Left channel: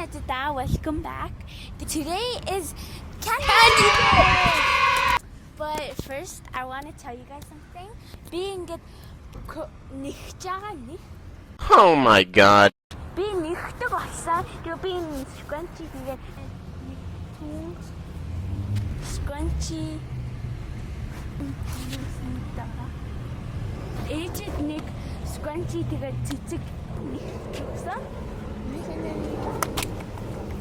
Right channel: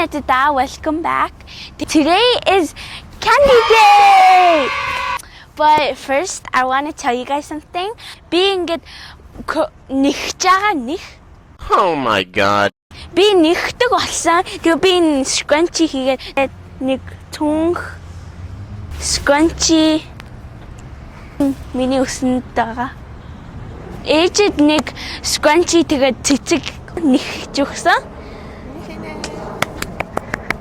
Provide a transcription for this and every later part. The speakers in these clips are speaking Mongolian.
Nadita, welcome back. Today is Candy Day! But first, I want to tell you guys something. Being it Oh my god. Би нэгдэг болсон. Тэгээ би энэ scrunchie хийгээд нэг түнх scrunchie миний өсөнд байгаа. Ээжэд нэг scrunchie тэгээд цэцэг нэгж өгсөн.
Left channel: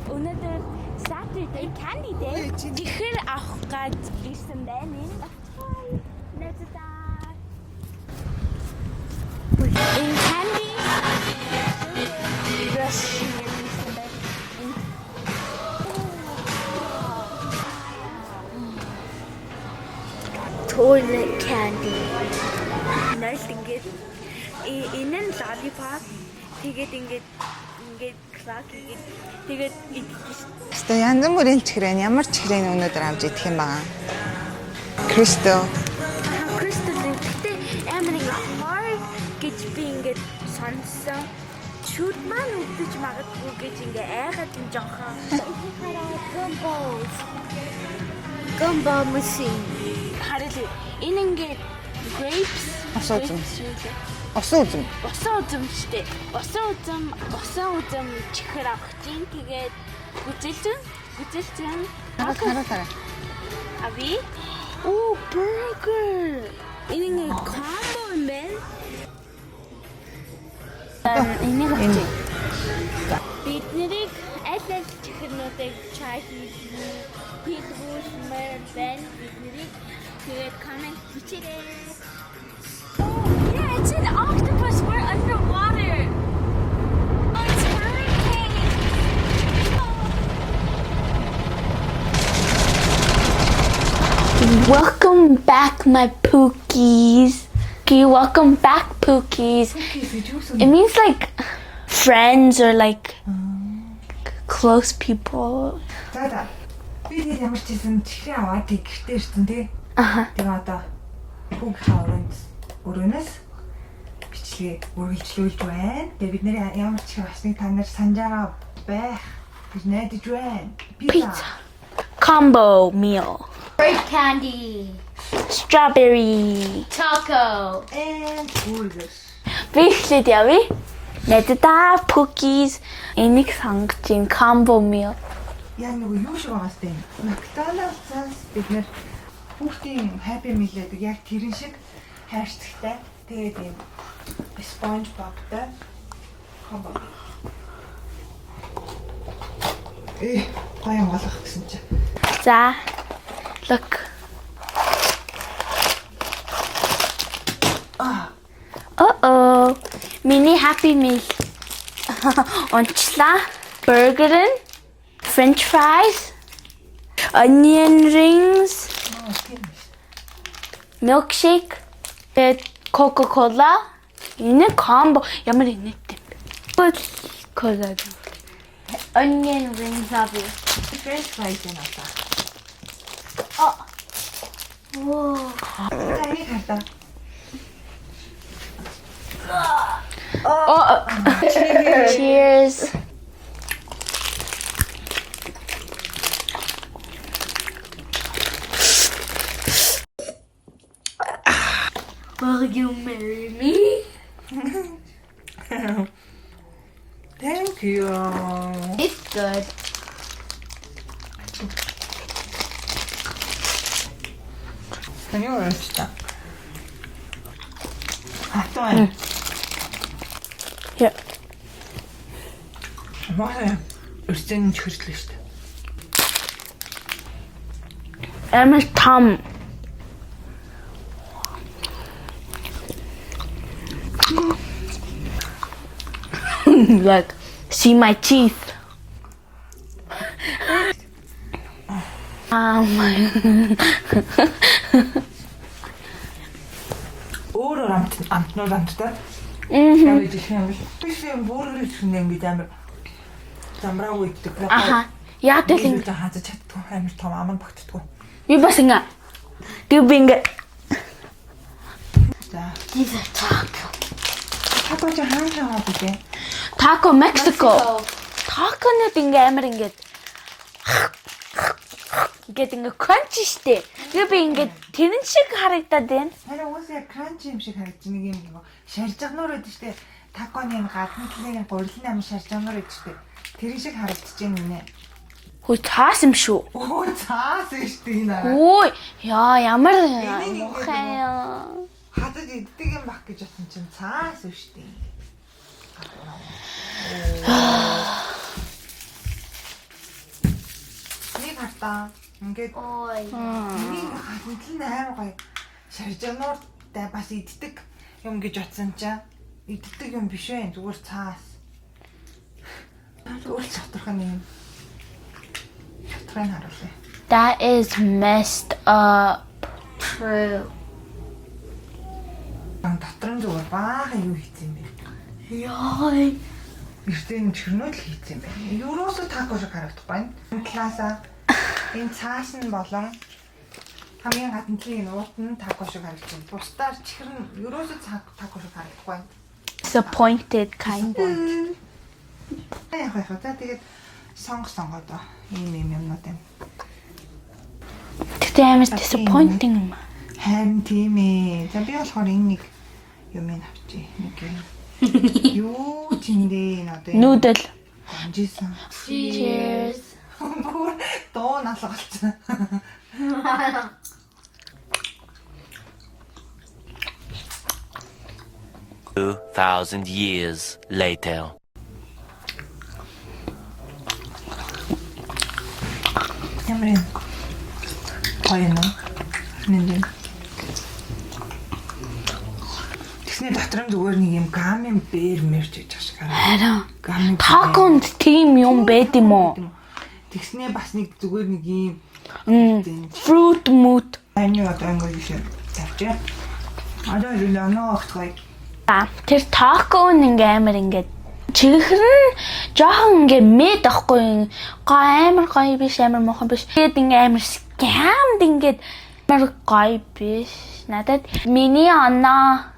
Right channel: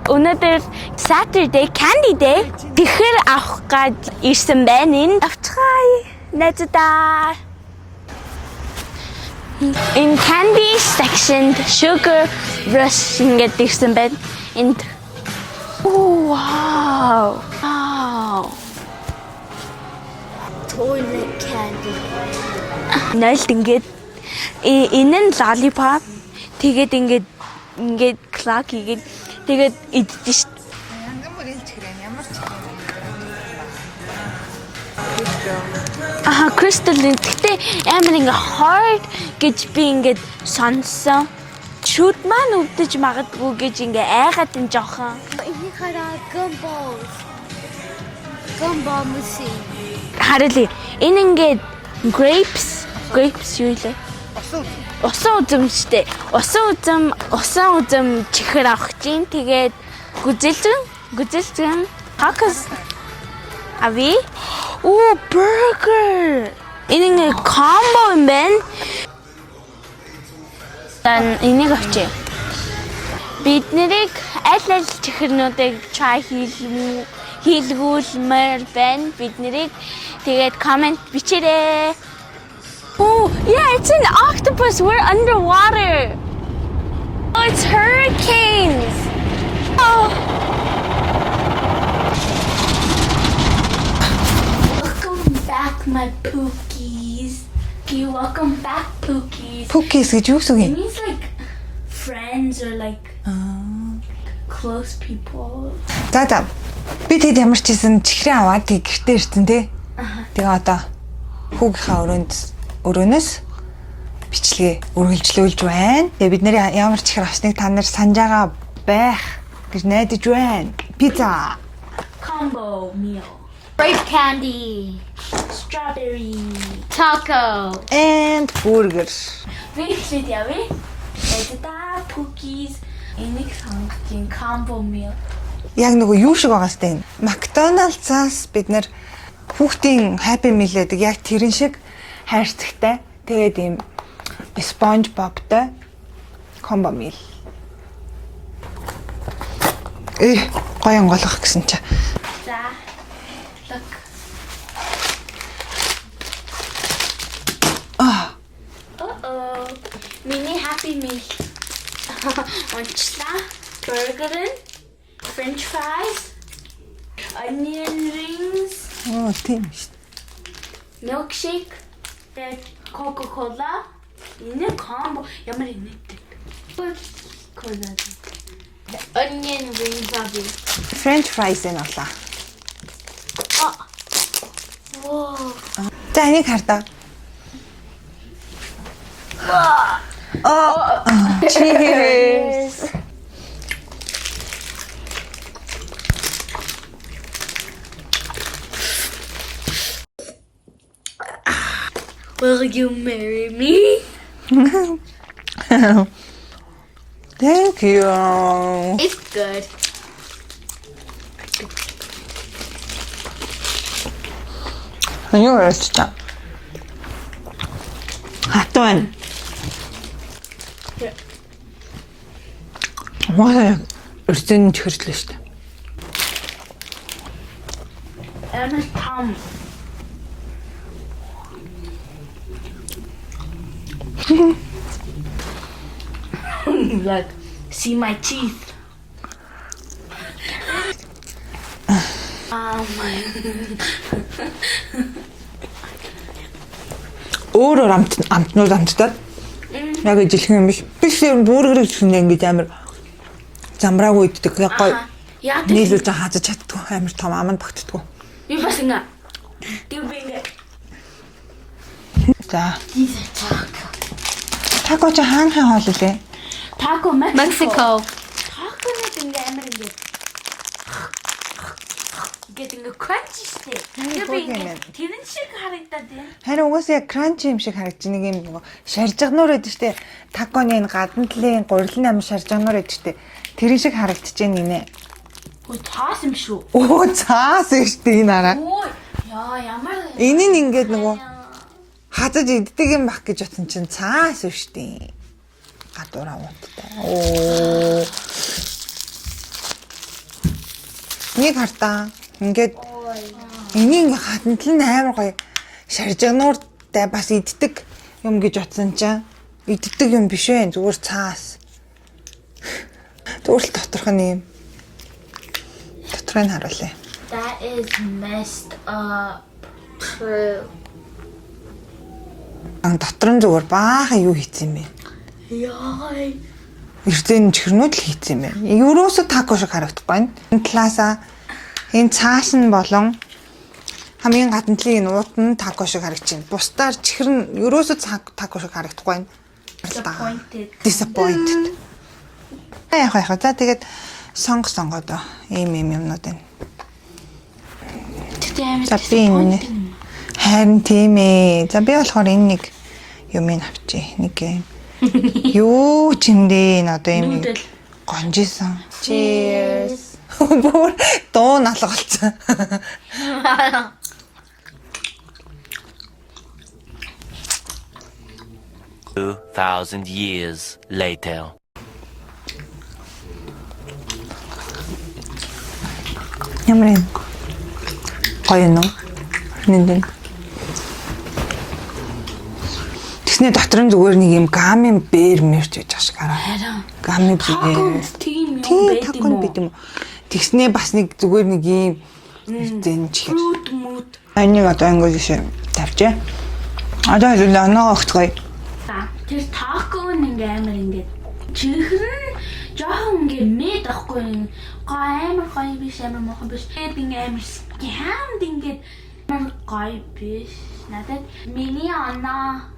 Өнөөдөр Saturday Candy Day. Тэгэхээр авах гад ирсэн байна энэ. Авчихъя. Надад in candy section, sugar rush ингээд ирсэн байна. And oh wow. Wow. Toilet candy. Нэлт ингээд энэ нь lollipop. Тэгээд ингээд clock хийгээд тэгээд идэж шүү. Тэгээ янз бүрийн чихрэн ямар чихрэн өнөөдөр авч идэх юм баа. Crystal. Crystal гэхдээ амар ингээ hard гэж би ингээд сонссон. Шүд маань өвдөж магадгүй гэж ингээ айгаад энэ жоохон. Ini хараа gumballs. Gumball machine. Харин энэ ингээд grapes юу лээ? Усан үзэм. Усан үзэм штэ. Усан үзэм чихэр авах чинь тэгээд гүзэлзэн. Хакас. Ави? Оо, burger. Энэ combo юм байна. Дан энийг авчи. Бид нэрийг аль чихэрнүүдийг try хийлгүүлмээр байна. Бид нэрийг тэгээд comment бичээрэй. Oh, yeah, it's an octopus. We're underwater. Oh, it's hurricanes. Oh. Welcome back, my Pookies. Okay, welcome back, Pookies. Pookies гэж юу гэсэн It юм? means like friends or like close people. За. Би тэгэд ямар ч хийсэн чихрэн аваад тэг гэртээ ирсэн тий. Тэгээ одоо хүүгийнхаа өрөөнөөс бичлэгээ үргэлжлүүлж байна. Тэгээ бид нэр ямар чихэр авсныг та нар санаж байгаа байх гэж найдаж байна. Pizza. Combo meal. Grape candy. Strawberry. Taco. And burger. Би ихлээд явъя. Надад Pookies энийг сонгочих combo meal. Яг нөгөө юу шиг байгаа сте энэ. McDonald's-аас бид нэр хүүхдийн Happy Meal гэдэг яг тэрэн шиг хайрцагтай. Тэгээд ийм SpongeBob-тай combo meal. Гоё онголох гэсэн чи. За. Look. Uh-oh. Mini Happy Meal. Онцлаа. Burger, French fries, onion rings, Тийм шүү. milkshake, Coca-Cola. Энэ combo ямар инээдтэй. Coca-Cola. Onion rings happy. French fries энэ болоо. Whoa. За энийг хардаа. Cheers. Will you marry me? Thank you. It's good. Аюу яста. Хатван. Yeah. Маа өрцөн чихэрлээ шүү дээ. Амар том. Like, see my teeth. Oh my. Өөр амтнууд амттаад яг ижилхэн юм биш. Тэгэхээр бүргэрийг чинь ингэж амар замраагүй иддэг. Яа нийлүүлж хааж чаддгүй амар том аманд багтдаггүй. Би бас ингээ. Би ингээ. За. These are taco. Тако ч хаана хоол үлээ? Taco Mexico. Таконод ингээ амар ингээ ингээ crunch штэ. Би ингээ тэрэн шиг харагдаад байна. Харин угаасаа яг кранч юм шиг харагдаж нэг юм нөгөө шаржигнуур гэдэг штэ. Таконы энэ гадна талын гурилын амин шаржигнуур гэдэг штэ. Тэрэн шиг харагдаж байна гинэ. Өө цаас юм шүү. Оо цаас штэ энэ араа. Ой яа ямар Энэ нь ингээд нөгөө хазаж иддэг юм бах гэж утсан чинь цаас штэ. Гадуураа унттай. Оо. Нэг хартаа ингээд энийг гадна тал нь амар гоё шаржигнууртай бас иддэг юм гэж утсан чинь иддэг юм биш ээ зүгээр цаас. Зүгээр л доторх нь юм. Доторыг харуулъя. That is messed up. True. Дотор нь зүгээр баахан юу хийцэн юм бэ? Яа. Эрдэнэ чихрнүүд л хийцэн юм байна. Ерөөсө тако шиг харагдахгүй байна. Энэ талаасаа энэ цааш нь болон хамгийн гадна талын нууд нь тако шиг харагдаж байна. Бусдаар чихэр нь ерөөсө тако шиг харагдахгүй байна. Disappointed. Яг. За тэгээд сонгоод ийм юмнууд байна. Тэгтээ амар disappointing юм. Харин тийм ээ. За би болохоор энэ нэг юмыг авчи. Нэг юу ч юм дээ энэ одоо юм. Нүүдэл. Гонжисан. Cheers. Бүр дуу налгалцсан. 2,000 years later. Ямар юм? Гоё нөө. Нэндэн. Тэсний дотор нь зүгээр нэг юм гамын бээр мэрч гэж ашиг хараа. Харин. Гамын Таконд тийм юм байд юм уу? Тэснээ бас нэг зүгээр нэг юм зэнч. Fruit mood. Энийг одоо ингэ жишээ тавьчаа. Одоо л оноо огтгоё. Тэр тако ингээ амар ингээ чихрэн жоохон ингээ мэд ахгүй амар гоё биш амар мохон биш. Тэгээд ингээ амар scammed ингээ амар гоё биш. Надад миний оноо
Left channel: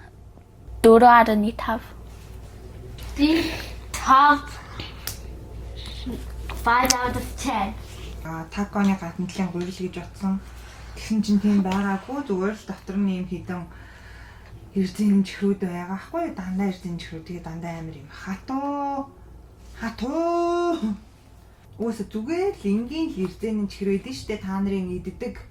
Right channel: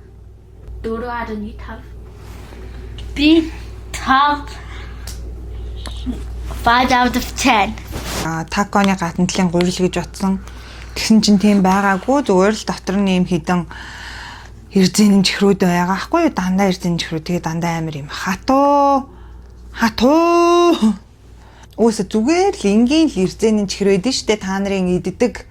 4.5. B top 5 out of 10. Таконы гадна талын гурил гэж утсан. Тэгсэн чинь тийм байгаагүй зүгээр л дотор нь юм хідэн эрзэнэн чихрүүд байгаа хгүй юу дандаа эрзэнэн чихрүүд тэгээ дандаа амар юм хатуу өөсө зүгээр л энгийн л эрзэнэн чихрээд нь штэ та нарын иддэг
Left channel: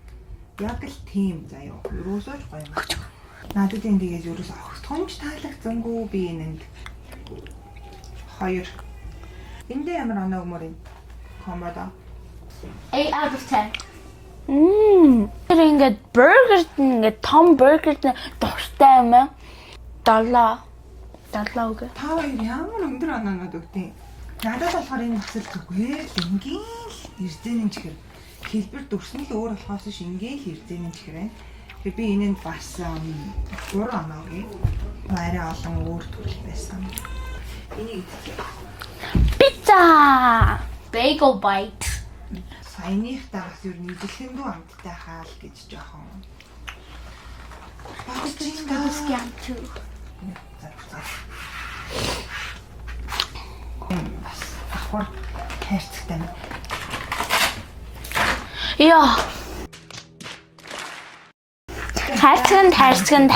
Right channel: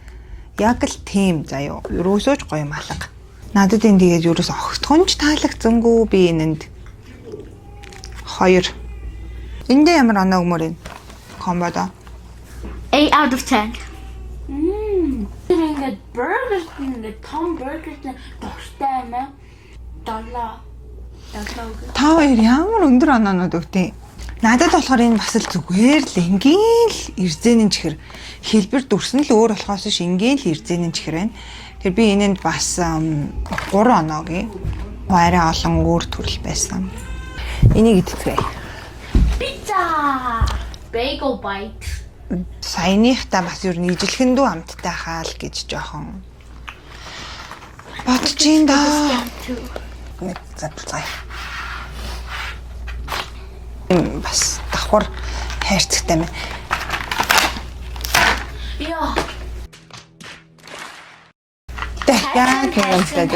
яг л тийм заяо ерөөсөөж гоё юм алга надад энэ тэгээд ерөөс огтхонч таалагдсангүй би энэнд 2 эндээ ямар оноо өгмөр юм комбодо 8 out of 10. Тэр ингээ бургер ингээ том бургер дуртай юм аа. 7 үг. Та хоёр ямар өндөр оноонууд өгтیں۔ Надад болохоор энэ бас л зүгээр л энгийн л эрзэнэн чихэр хэлбэр дүрсэн л өөр болохоос ш энгийн л эрзэнэн чихэр байна. Тэр би энэнд бас 3 оноогийн арай олон өөр төрөл байсан. Энийг идчихвээ. Пицца. Bagel bite. Саяныхта бас юу нэг ижилхэндүү амттай хаал гэж жоохон бодож ин да. Нэг запцай. Бас давхар хайрцагтай мэн. Яа. Хайрцаг.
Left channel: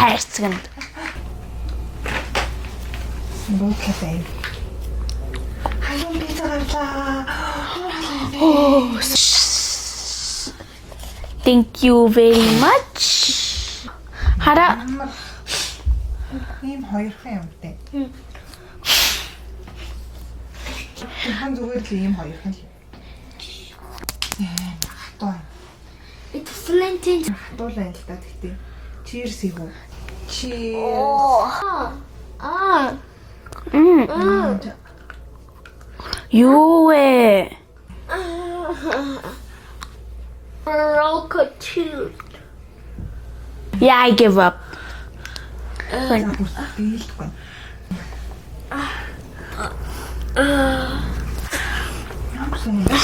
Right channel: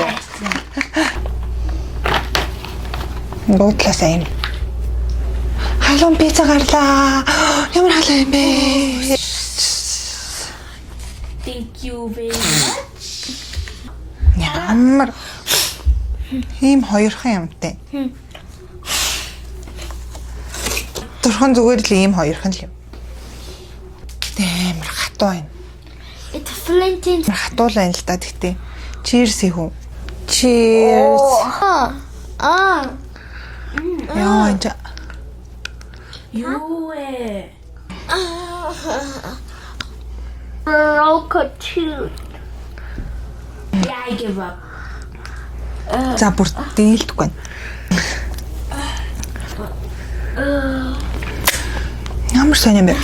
Бодлоо сайн. Халуун пицца гарлаа. Ямар халуун юм бэ? Thank you very much. Хараа. Ямар ийм хоёрхан юмтай. Тэрхэн зүгээр л ийм хоёрхан л юм. Амар хатуу байна. It's flinting. Хатуул байна л та тэгтээ. Cheers хүү. Cheers. Яа. Юу вэ? Broke tooth. Yeah, I give up. За бүр дээлдэхгүй. Ямар сайн юм бэ?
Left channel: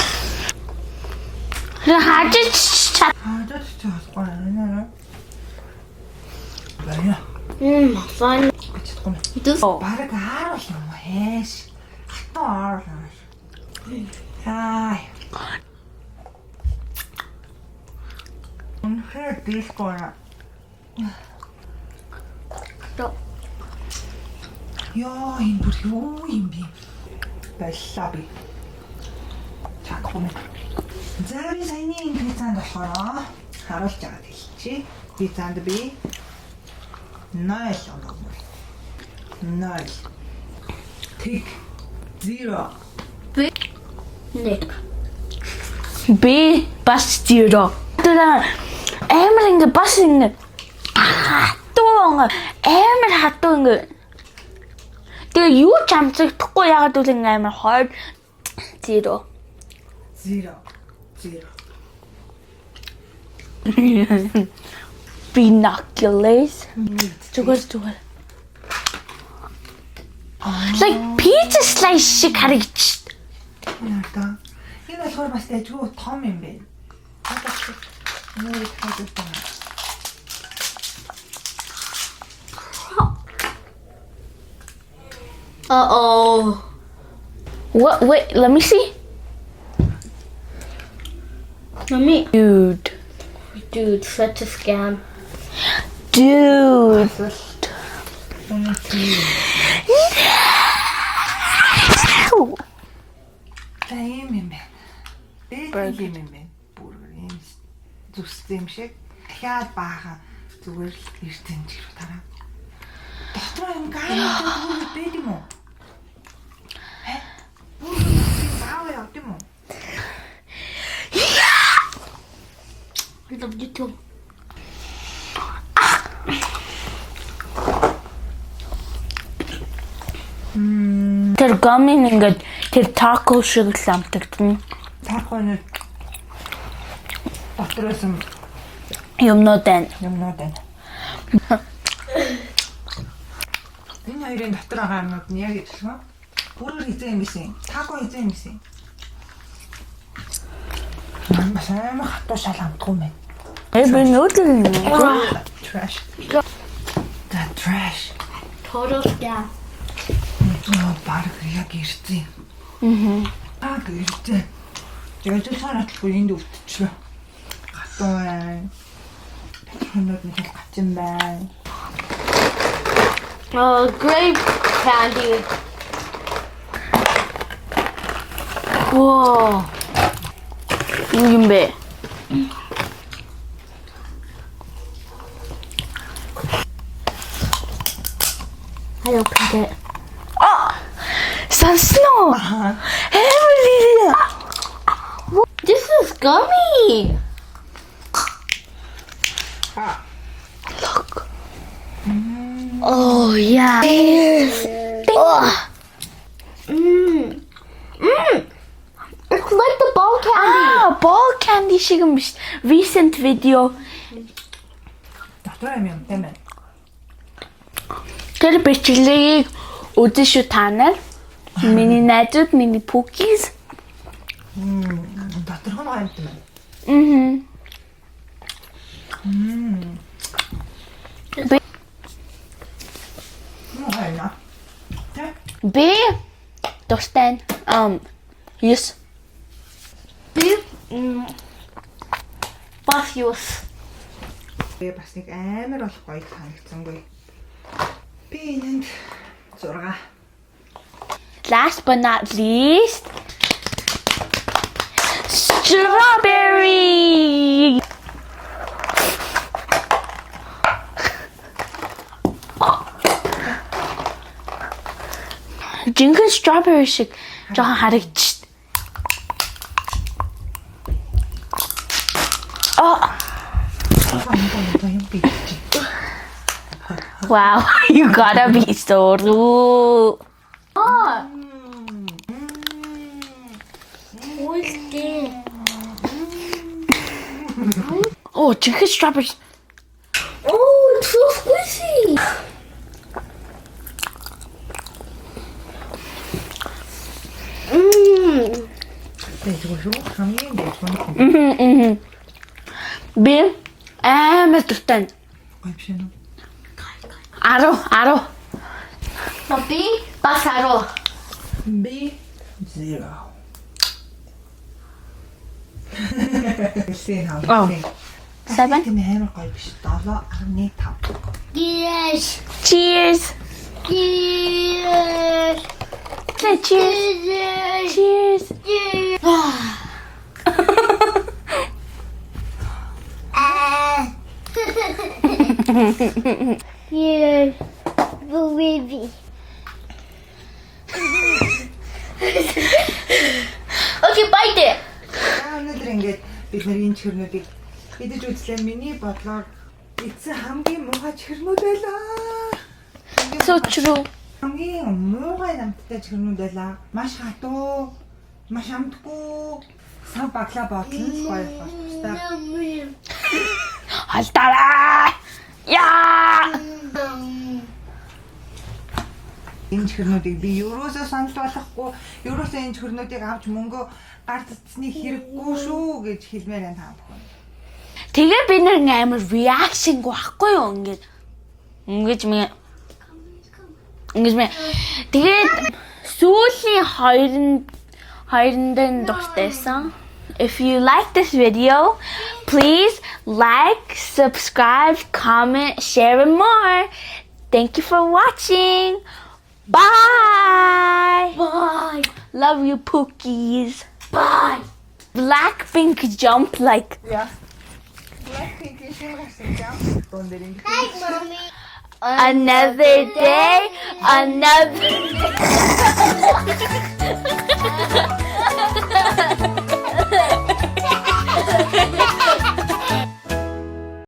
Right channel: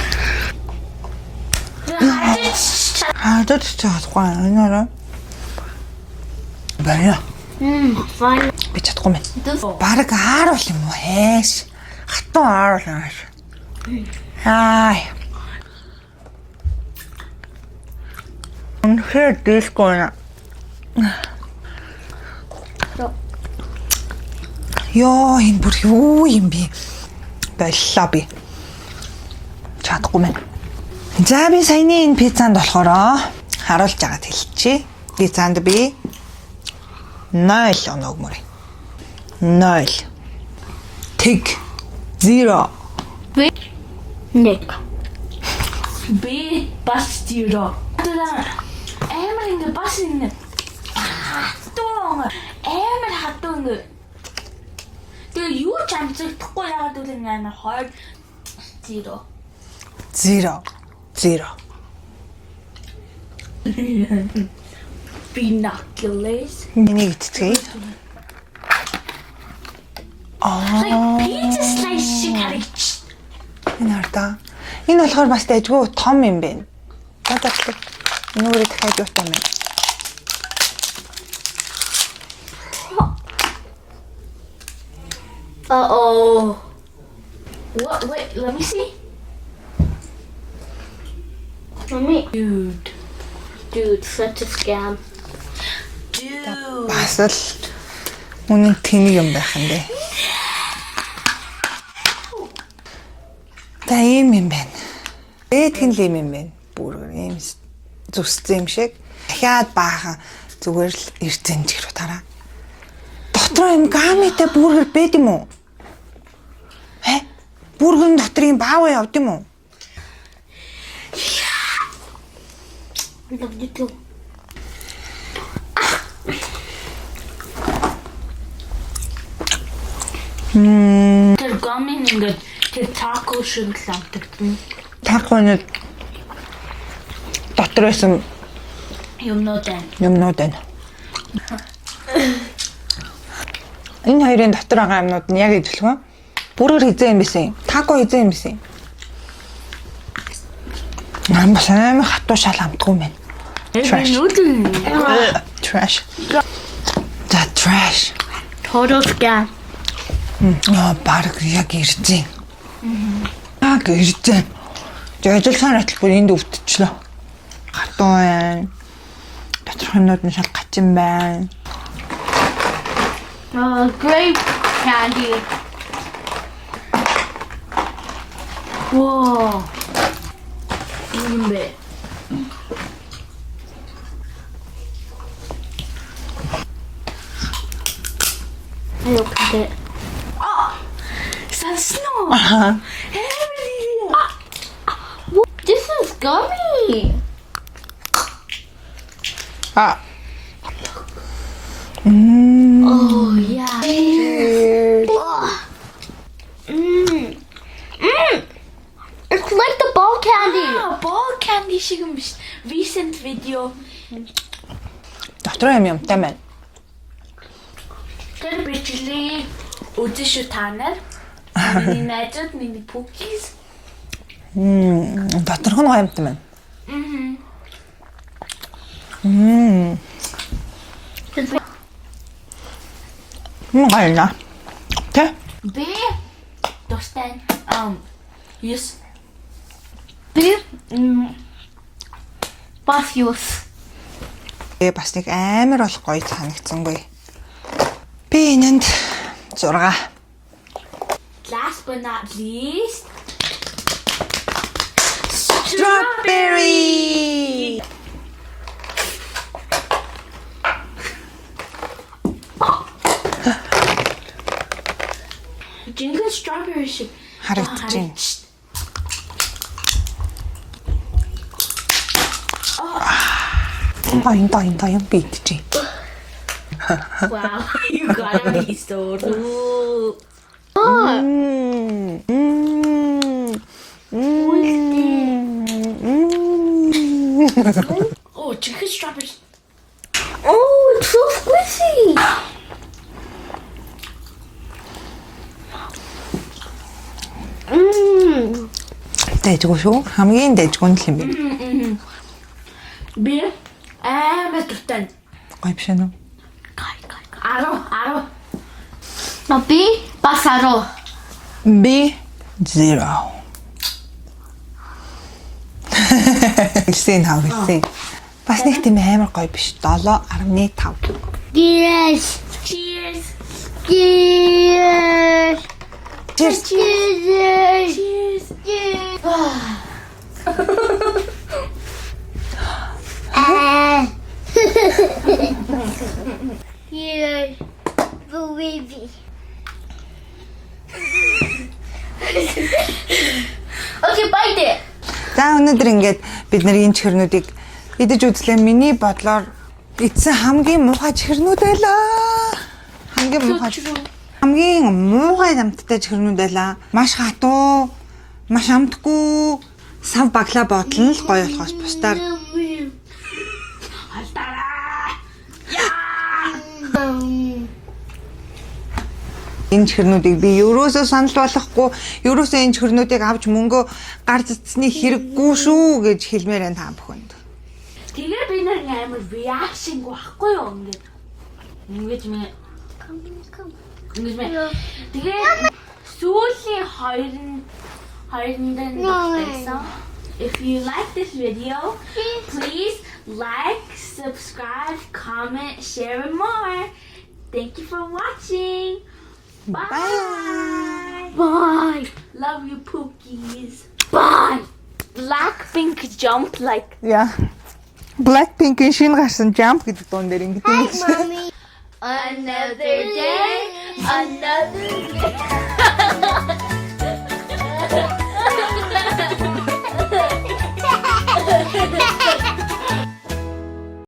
Хажиж чадахгүй энээрээ. Баяа. Fine. Би чадахгүй мэн. This Бараг ааруул юм уу хайш. Хатан ааруул юм. Аа. Үнэхээр дискона. Йоо, энэ бүр юу юм бэ? Боллоо би. Чадахгүй мэн. За би саяны энэ пиццанд болохоор харуулж агаад хэлчихье. Пиццанд би 0 оног мөрий. 0. Тэг 0. Nick. B бас 0. Тэр амар ингэ бас ингэ хатуу амар хатуу ингэ. Тэгээ юу ч амжигдахгүй ягаад гэвэл ингэ амар хойд 0. 0. 0. Binoculars. Энийг итчихээ. Like pizza slice шиг харагдчих. Энэ хардаа. Энэ болохоор бас дайггүй том юм байна. Гадагтай. Нүрээ дахиад юутай юм. Uh-oh. What? Wait, let me see. Dude, such a scam. Dude. Асал үнэн тэнэг юм байх юм бэ. Та ийм юм байна. Тэгэн л юм байна. Бүр ийм зүсцэн юм шиг. Дахиад баахан зүгээр л эрдэн чигрүү тараа. Дотроо юм гамитай бүргэр бэд юм уу? Бүргэрийн дотор юм бааваа явд юм уу? I love you too. Тэр гамин ингээд тэр тако шиг л амтагдана. Таконод дотроос Юмнууд байна. байна. Энэ хоёрын дотор байгаа юмнууд нь яг ижилхэн. Бүргэр хизээ юм бисэн. Тако хизээ юм бисэн. Нам бас амар хатуу шал амтгүй мэн. Trash. За trash. Total scam. Баг яг иржээ. Яг иржээ. Жижигхэн атал бүр энд өвдчихлөө. Хатуу байна. Доторх юмнууд нь шал гачин байна. Grape candy. Wow. Yung be. I opened it. Snow. Emily. This is gummy. Look. Oh yeah. It's like the ball candy. Ball candy шиг юм биш. Recent video. Дотроо юмтай байна. Тэр бичлэгийг үзэн шүү та нар. Миний найзууд, миний pookies. Доторх нь гоёмтай байна. Гайна. Тэ? B тустай. Yes. Бас юус. Бас нэг амар болох гоё санагдсангүй. Би энэнд 6. Last but not least, strawberry. Жинхэнэ strawberry шиг жоохон харагдчих. Бан юм битчи. Wow, you gotta be so rude. Oh, жинхэнэ strawberry. Oh, it's so squishy. Дэжгүй шүү. Хамгийн дэжгүй нь л юм. Би амар дуртай. Гоё биш үү? 10. Mabi, pasaro. Би 0. Хэлсэн хав хэлсэн. Бас нэг тийм амар гоё биш. 7.5. Yes. Cheers. Cheers. Cheers. Cheers. Cheers. Cheers. Cheers. Baby. Okay, bite it. За өнөөдөр ингээд бид нар энэ чихэрнүүдийг идэж үзлээ. Миний бодлоор эцсэн хамгийн муухай чихэрнүүд байлаа. Хамгийн So муухай. true. Хамгийн муухай амттай чихэрнүүд байлаа. Маш хатуу, маш амтгүй, сав баглаа бодлон л гоё болохоос бусдаар Халтараа. Яа. энэ чихэрнүүдийг би ерөөсөө санал болгохгүй, ерөөсөө энэ чихэрнүүдийг авч мөнгө гар цэцний хэрэггүй шүү гэж хэлмээр энэ та бүхэнд. Тэгээ би нэр амар reaction байхгүй юу ингээд. Ингэж мэ. Тэгээд сүүлийн хоёрын дан дуртайсан. If you like this video, please like, subscribe, comment, share and more. Thank you for watching. Bye. Bye. Love you, Pookies. Bye. Blackpink jump like. Яа. Blackpink-ийн шинэ гарсан jump гэдэг дуун дээр ингэ Hi, mommy. Another day, another.